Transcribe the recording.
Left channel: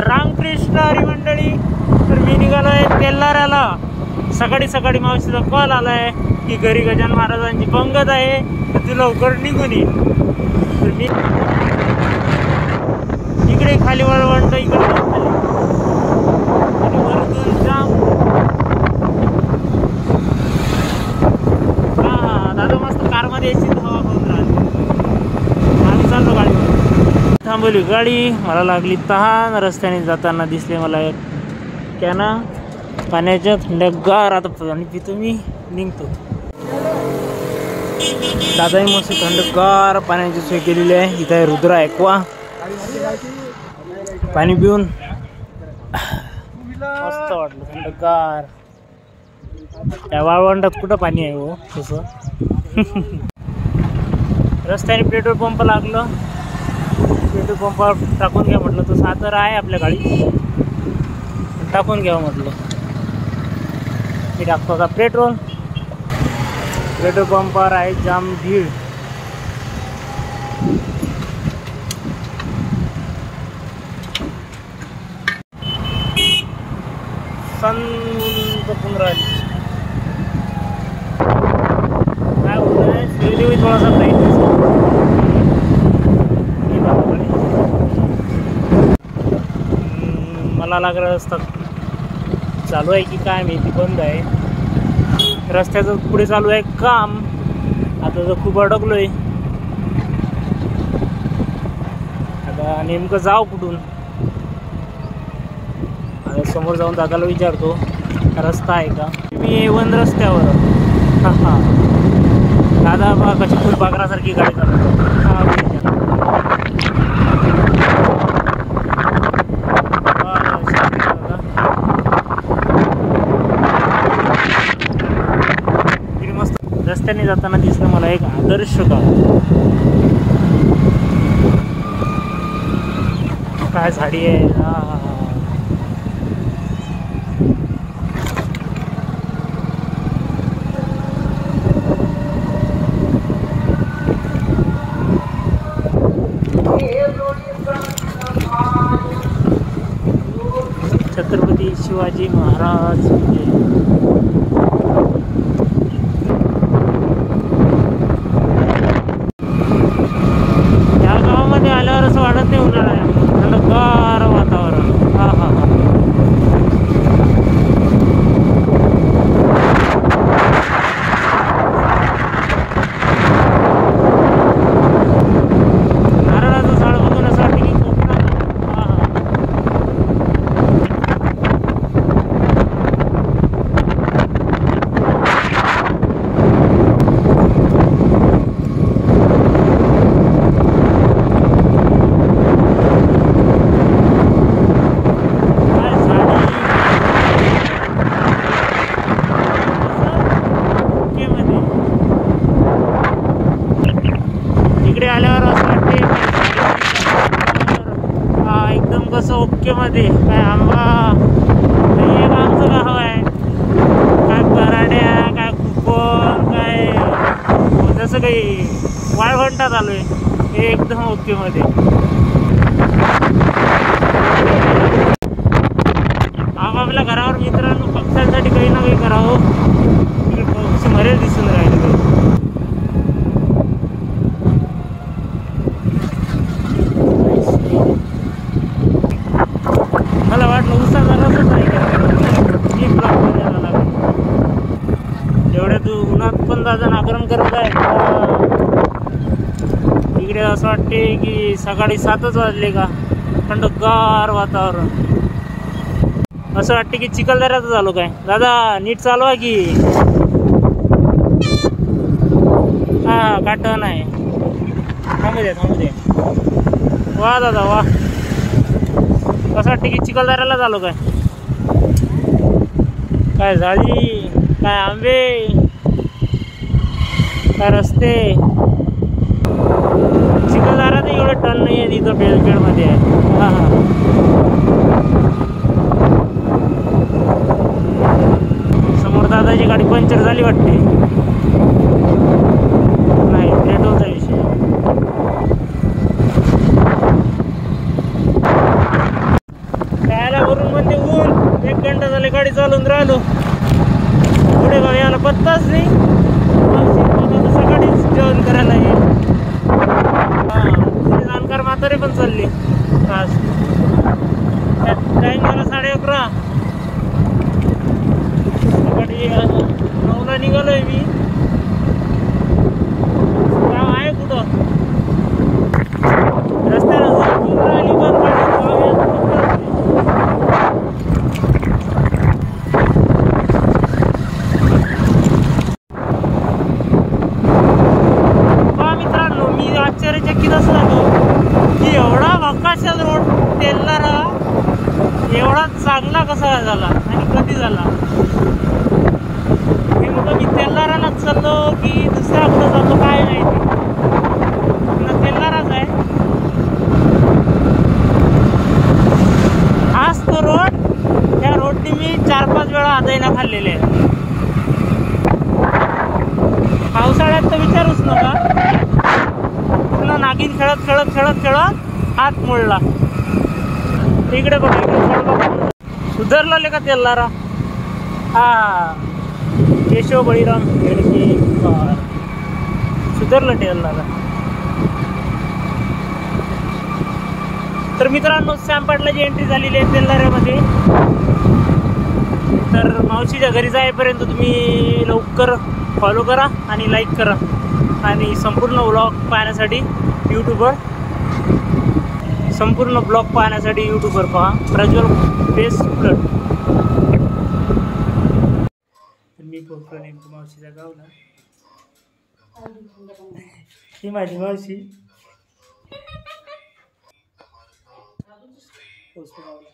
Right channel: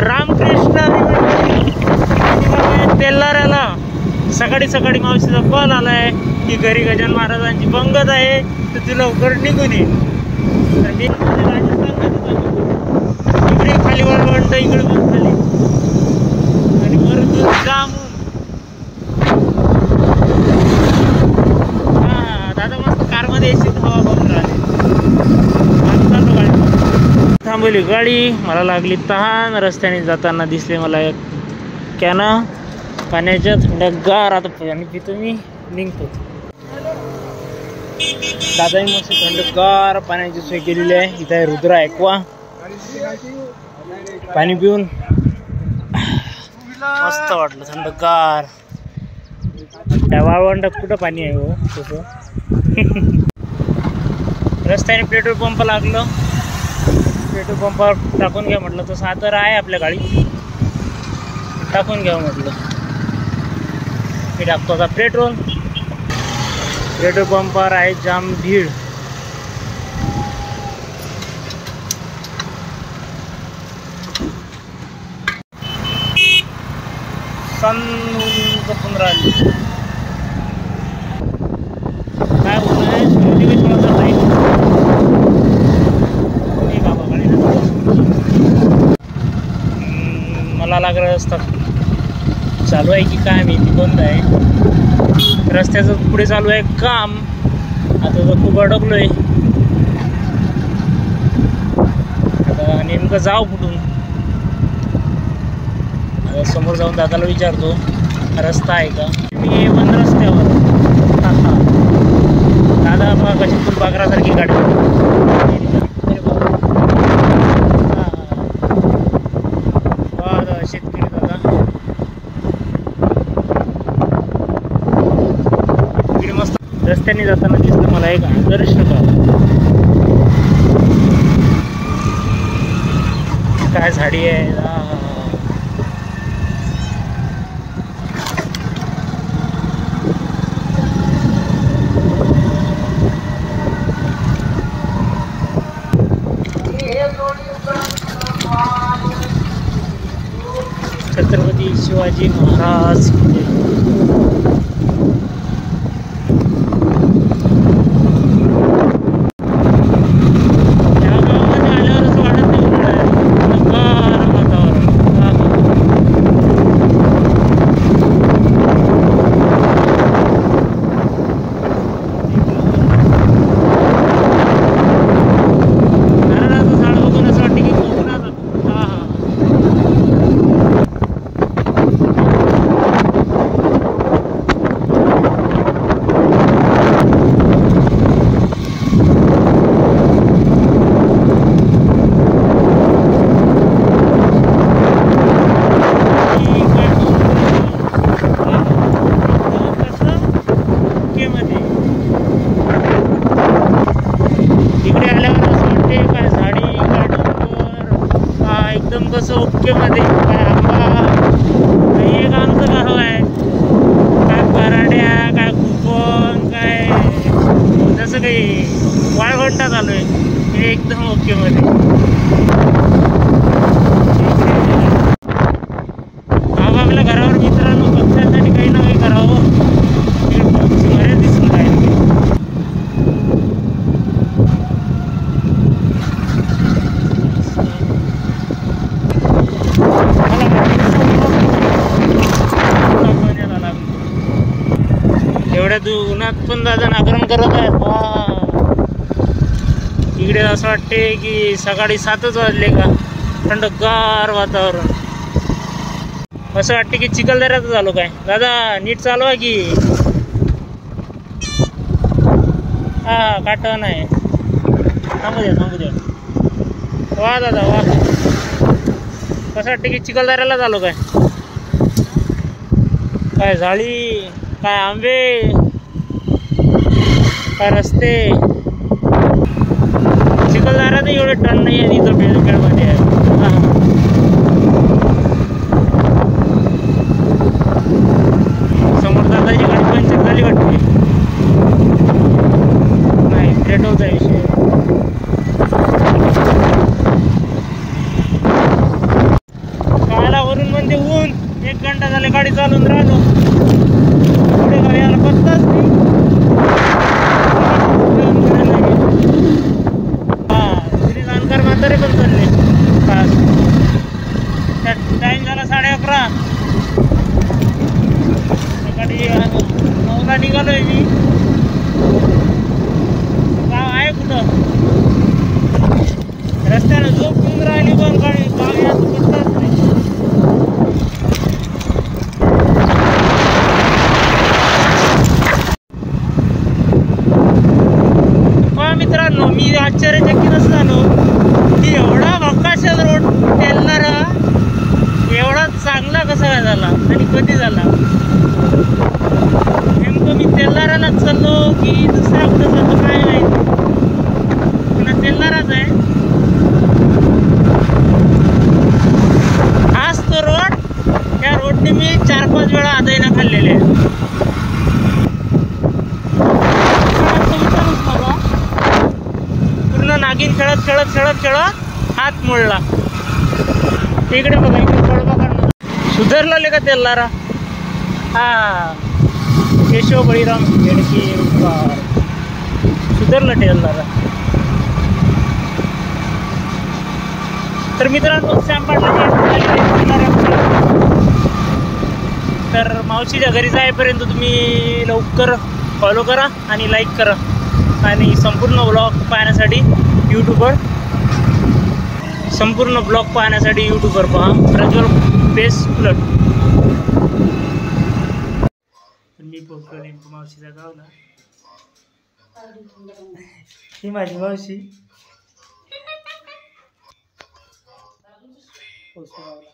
रामकृष्ण हरी मंडळी. तर मी निघालो आहे तेल्हाऱ्याला. सकाळी सकाळी मावशीचा कॉल आलाय की घरी गजानन महाराजांची पंगत आहे, तर तू लवकर निघून ये. तर मी इकडे खाली वळवंट, इकडे खाली आणि वरतून जाम. हा दादा मस्त कारमध्ये एसी हवा बघून राहिली. आम्ही चाललो गाडीवर. थांबवली गाडी, मला लागली तहान. रस्त्याने जाताना दिसले मला एक कॅन पाण्याच्या थंडगार. आता पाणी पितो मी, निघतो. दादाही मस्त थंडगार पाण्याची सोय केलेली आहे. इथे रुद्र ऐकवा. पाणी पिऊन मस्त वाटलं, थंडगार. त्या वाळवंटात कुठं पाणी आहे हो तसं. रस्त्याने पेट्रोल पंप लागलं. पेट्रोल पंपावर टाकून घ्या म्हटलं, तर सादर आहे आपल्या गाडी, टाकून घ्यावं म्हटलं. मी टाकतो आता पेट्रोल. पेट्रोल पंपावर आहे जाम भीड. ऊन राहिली. काय होत आहे, सूर्यदेवी थोडासा नाही बाबा गाडी. मला लागलं रस्ता चालू आहे की काय माहिती, बंद आहे. रस्त्याचं पुढे चालू आहे काम. आता तर खूप अडकलोय. आता नेमकं जाऊ कुठून. आता समोर जाऊन दादाला विचारतो रस्ता आहे का. मी A1 रस्त्यावर. हा दादा बघा कशी फुलपाखरासारखी गाडी इकडे मस्त. रस्त्याने जाताना दिसलं मला एक आदर्श गाव. काय झाडी आहे. छत्रपती शिवाजी महाराज. या गावामध्ये आल्यावर असं वाटत नाही उन्हाळा आहे, थंडगार वातावरण. हा हा नारळाचं झाड बघून असं वाटतं की कोकणात. हा हा तिकडे आल्यावर असं वाटते काय झाडी एकदम कसं ओके मध्ये. काय आंबा नाही आहे का आमचं गाव आहे. काय पराड्या, काय कुपन, काय जसं काही वाळवंटात आलोय. हे एकदम ओके मध्ये. आपापल्या घरावर मित्रांनो पक्ष्यांसाठी काही ना काही करावं. तिकडे पक्षी मरेच दिसून राहिले. मला वाटतं एवढ्या उन्हात पण दादा नागरण करत आहे. इकडे असं वाटते की सकाळी 7च वाजले का. थंडगार वातावरण. असं वाटते की चिखलदऱ्यात झालो काय. दादा नीट चालवा की. हा काटण आहे. थांबू दे थांबू दे. वा दादा वा. असं वाटतं की चिखलदऱ्याला झालो काय. काय झाडी, काय आंबे, काय रस्ते. चिखलदऱ्यात एवढे टन नाही आहे तिथं बेलखेडमध्ये आहे. हा हा समोर दादाची गाडी पंक्चर झाली वाटते. नाही पेट्रोलचा विषय. घंटा झाले गाडी चालून राहिलो, घोडेगाव यायला पत्ताच नाही. सकाळीच जेवण करायला ये. हा श्री जानकर म्हातारे पण चालले खास. त्यात टाईम झाला 11:30. सकाळी 9ला निघालोय मी. गाव आहे कुठं रस्त्याला दोन राहिली पण गाडी गाव यायला पत्ताच नाही. मित्रांनो मी आश्चर्यचकित असं झालो की एवढा भकाशल रोड तेलणारा एवढा चांगला कसा झाला आणि कधी झाला. नेमकं मी तेलणारालाच चाललो की दुसऱ्या कुठं चाललो काय नाही, पुन्हा तेलणाराच आहे. हाच तो रोड. त्या रोडने मी 4-5 वेळा आदायला खाल्लेले आहे. पावसाळ्यात तर विचारूच नका. पूर्ण नागिन खेळत खेळत खेळत खेळत हात मोडला. इकडे बघा, इकडे बघा सुधारला का तेलारा. हा केशव बळीराम हेडकेकर सुधारलं तेलारा. तर मित्रांनो सॅमपाटलाची एंट्री झालेली आहे तेलाऱ्यामध्ये. तर मावशीच्या घरी जाईपर्यंत तुम्ही लवकर फॉलो करा आणि लाईक करा आणि संपूर्ण ब्लॉग पाहण्यासाठी यूट्यूबवर पहा प्रज्वल पेस उलट. मी पोहोचलो नेमकं मावशीच्या गावला. ही माझी मावशी पोहोचलो गावला.